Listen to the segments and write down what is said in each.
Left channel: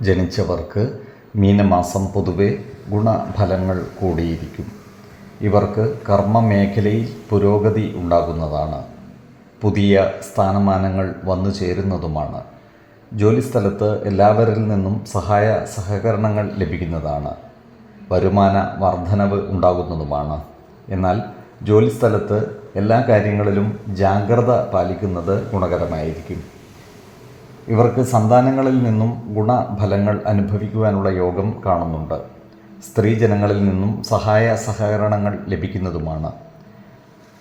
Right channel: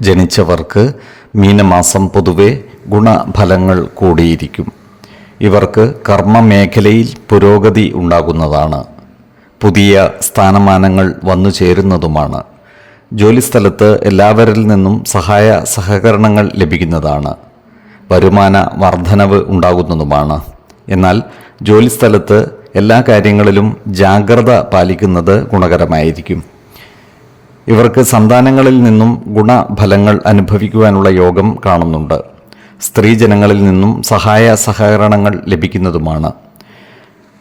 ജനിച്ചവർക്ക് മീനമാസം പൊതുവെ ഗുണഫലങ്ങൾ കൂടിയിരിക്കും. ഇവർക്ക് കർമ്മമേഖലയിൽ പുരോഗതി ഉണ്ടാകുന്നതാണ്. പുതിയ സ്ഥാനമാനങ്ങൾ വന്നു ചേരുന്നതുമാണ്. ജോലിസ്ഥലത്ത് എല്ലാവരിൽ നിന്നും സഹായ സഹകരണങ്ങൾ ലഭിക്കുന്നതാണ്. വരുമാന വർധനവ് ഉണ്ടാകുന്നതുമാണ്. എന്നാൽ ജോലിസ്ഥലത്ത് എല്ലാ കാര്യങ്ങളിലും ജാഗ്രത പാലിക്കുന്നത് ഗുണകരമായിരിക്കും. ഇവർക്ക് സന്താനങ്ങളിൽ നിന്നും ഗുണഫലങ്ങൾ അനുഭവിക്കുവാനുള്ള യോഗം കാണുന്നുണ്ട്. സ്ത്രീജനങ്ങളിൽ നിന്നും സഹായ സഹകരണങ്ങൾ ലഭിക്കുന്നതുമാണ്.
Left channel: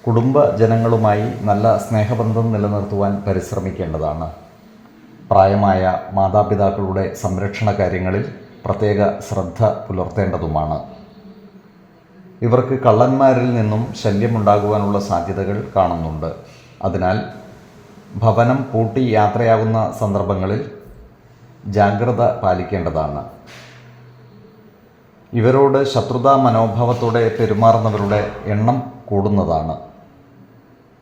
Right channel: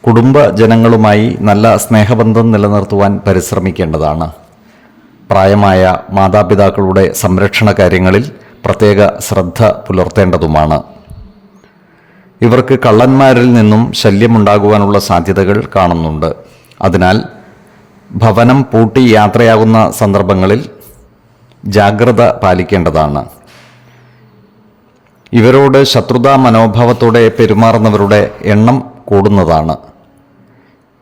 കുടുംബ ജനങ്ങളുമായി നല്ല സ്നേഹബന്ധം നിലനിർത്തുവാൻ പരിശ്രമിക്കേണ്ടതാണ്. പ്രായമായ മാതാപിതാക്കളുടെ സംരക്ഷണ കാര്യങ്ങളിൽ പ്രത്യേക ശ്രദ്ധ പുലർത്തേണ്ടതുമാണ്. ഇവർക്ക് കള്ളന്മാരിൽ നിന്നും ശല്യമുണ്ടാകുവാനുള്ള സാധ്യതകൾ കാണുന്നുണ്ട്. അതിനാൽ ഭവനം പൂട്ടി യാത്രയാകുന്ന സന്ദർഭങ്ങളിൽ ജാഗ്രത പാലിക്കേണ്ടതാണ്. ഇവരോട് ശത്രുതാ മനോഭാവത്തോടെ പെരുമാറുന്നവരുടെ എണ്ണം കൂടുന്നതാണ്.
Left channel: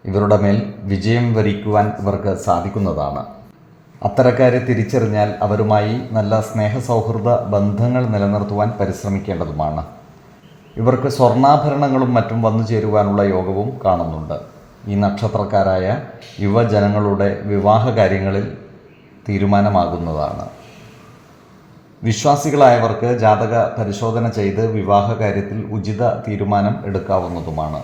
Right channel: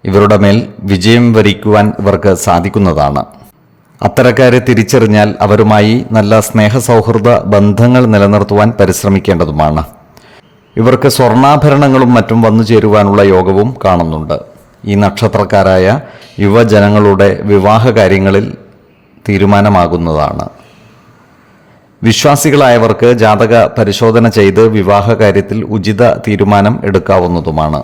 ഇവരുടെ മേൽ വിജയം വരിക്കുവാൻ ഇവർക്ക് സാധിക്കുന്നതാണ്. അത്തരക്കാരെ തിരിച്ചറിഞ്ഞാൽ അവരുമായി നല്ല സ്നേഹ സൗഹൃദ ബന്ധങ്ങൾ നിലനിർത്തുവാൻ പരിശ്രമിക്കേണ്ടതുമാണ്. ഇവർക്ക് സ്വർണാഭരണങ്ങളും മറ്റും വന്നു ചേരുവാനുള്ള യോഗവും കാണുന്നുണ്ട്. ഈ നക്ഷത്രക്കാരായ യുവജനങ്ങളുടെ വിവാഹ കാര്യങ്ങളിൽ തീരുമാനമാകുന്നതാണ്. വിശ്വാസികളായവർക്ക് ജാതക പരിശോധന ചെയ്ത് വിവാഹ കാര്യത്തിൽ ഉചിത തീരുമാനം എടുക്കാവുന്നതുമാണ്.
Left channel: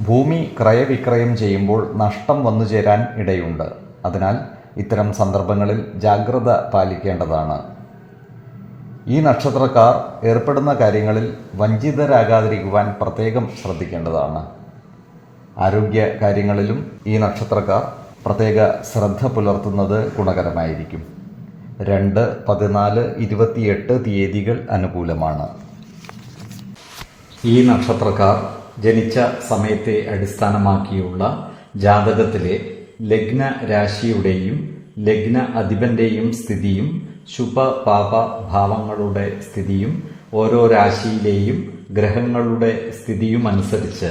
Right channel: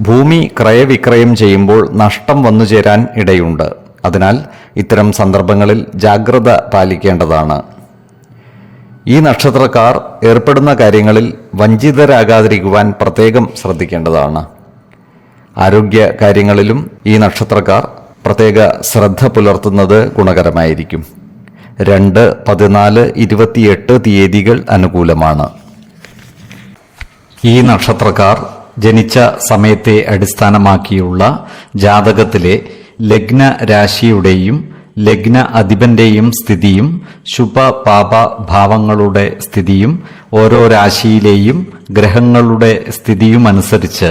ഭൂമി ക്രയവിക്രയം ചെയ്യുമ്പോൾ നഷ്ടം വന്നു ചേരാൻ ഇടയുണ്ട്. അതിനാൽ ഇത്തരം സന്ദർഭങ്ങളിൽ ജാഗ്രത പാലിക്കേണ്ടതാണ്. ഈ നക്ഷത്രക്കാർ ഏർപ്പെടുന്ന കാര്യങ്ങളിൽ വഞ്ചിതരാകാതിരിക്കുവാൻ പ്രത്യേകം ശ്രദ്ധിക്കേണ്ടതാണ്. ആരോഗ്യ കാര്യങ്ങളിലും ഈ നക്ഷത്രക്കാർ പ്രത്യേക ശ്രദ്ധ പുലർത്തുന്നത് ഗുണകരമായിരിക്കും. രണ്ട് പതിനാല് ഇരുപത്തിയെട്ട് തീയതികൾ അനുകൂലമാണ്. ഈ നക്ഷത്രക്കാർ ജനിച്ച സമയത്തെ അടിസ്ഥാനമാക്കിയുള്ള ജാതകത്തിലെ ലഗ്ന രാശിയുടെയും ലഗ്ന അധിപന്റെയും സ്ഥിതിയും ശുഭ പാപ ഭാവങ്ങളുടെ സ്ഥിതിയും ഓരോ രാശിയിലെയും ഗ്രഹങ്ങളുടെ സ്ഥിതിയും അനുസരിച്ച്